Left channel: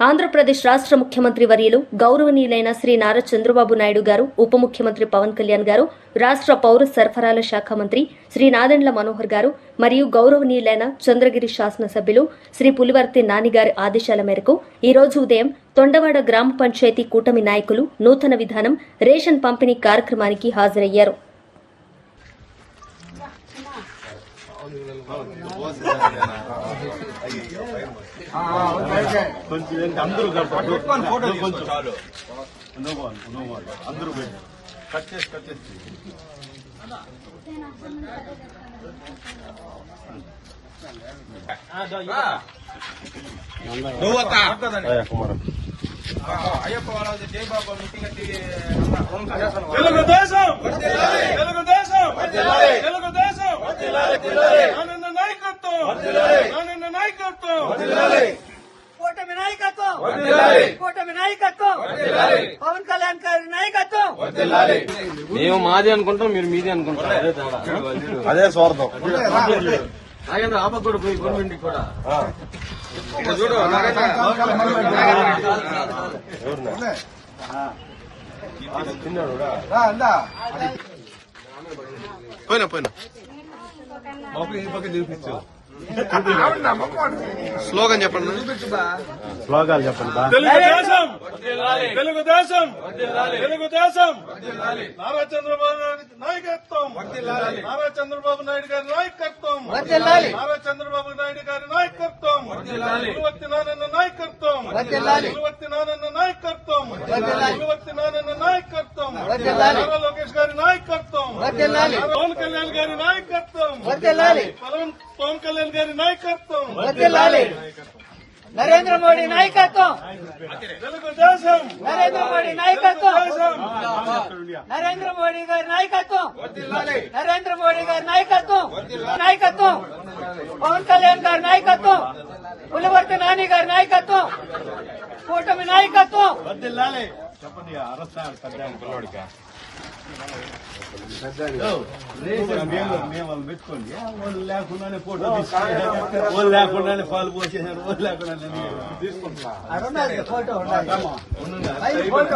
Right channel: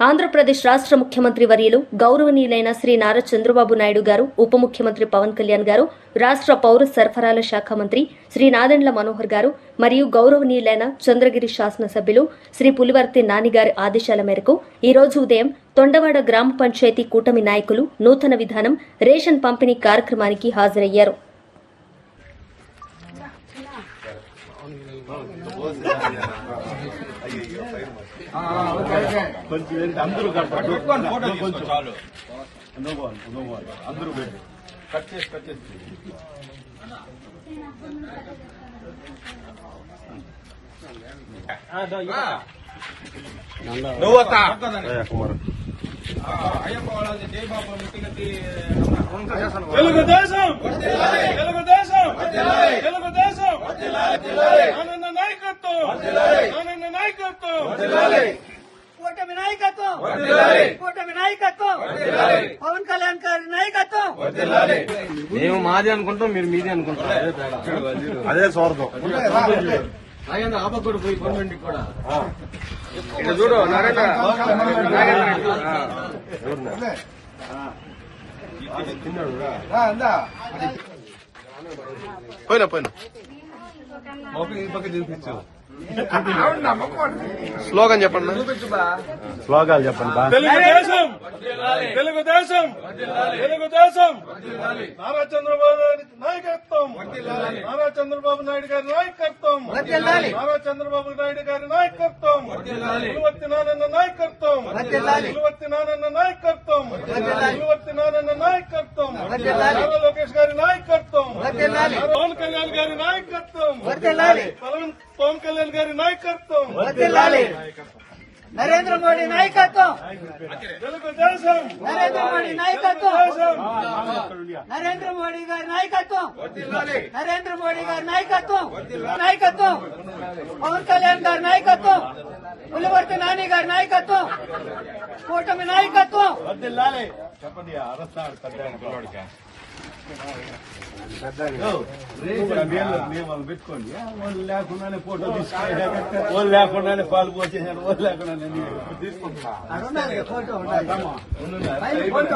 ఆంధ్రప్రదేశ్ రాష్ట్ర ముఖ్యమంత్రి వర్యులు గౌరవనీయులైన శ్రీ నారా చంద్రబాబు నాయుడు గారు ఉప ముఖ్యమంత్రి పవన్ కళ్యాణ్ గారు రాష్ట్ర పౌర సరఫరాల శాఖ మంత్రి శ్రీ నాదెండ్ల మనోహర్ గారు మరియు గౌరవనీయులైన చంద్రగిరి శాసనసభ్యులు శ్రీ పులివర్తి నానిగారి ఆదేశాల మేరకు ఈ రోజు ఉదయం తొండవాడ గ్రామ పంచాయతీ కూటమి నాయకులు నూతన విధానం రేషన్ పంపిణీ కార్యక్రమానికి హాజరయ్యారు. కొంచెం ఏంటి అందరూ కట్టారు కొంచెం నువ్వు అను, నువ్వు అను. అందరూ పెట్టు కట్ చేసి కట్ చేసి తెలుగుదేశం తెలుగుదేశం నాయకత్వం ఆనంద నాయకత్వం. కూటమి నాయకత్వం. కూటమి నాయకత్వం. పవన్ కళ్యాణ్ గారి నాయకత్వం. మేము మాది అనుకుంటాం మీరు మీది అనుకుంటాం. అదే స్వార్థం. ఆయన ఆపకూడదు పోయి గవర్నమెంట్ కూడా. పోయినా పోయినా. ఈ పక్క చూపించు. స్లోగన్ చెప్పండి. స్లోగన్ చెప్పండి. తెలుగుదేశం! తెలుగుదేశం! తెలుగుదేశం! నారా చంద్రబాబు నాయుడు నాయకత్వం! నారా చంద్రబాబు నాయుడు గారి నాయకత్వం! నారా చంద్రబాబు నాయుడు గారి నాయకత్వం! పులివర్తి నారాయణ నాయకత్వం! పులివర్తి నారాయణ నాయకత్వం! పులివర్తి నారాయణ నాయకత్వం నారా లోకేష్ గారి నాయకత్వం పవన్ కళ్యాణ్ గారి నాయకత్వం. పవన్ కళ్యాణ్ గారి నాయకత్వం. నరేంద్ర మోడీ నాయకత్వం. తెలుగుదేశం నరేంద్ర మోడీ నాయకత్వం. నరేంద్ర మోడీ గారి నాయకత్వం. నరేంద్ర మోడీ గారి నాయకత్వం. నాయకత్వం. పవన్ కళ్యాణ్ గారి నాయకత్వం. పులివర్తి నాని గారి నాయకత్వం కూటమి నాయకత్వం. వద్దిల్లాలి. చెప్పండి అరస్తాడు పెద్ద నియమాలు పెట్టుకోండి. వాళ్ళు లేకుండానే ఫోటో వాళ్ళు లేకుండానే పాలు పోసేసారు వాళ్ళు లేకుండానే తీసుకుంటున్నా.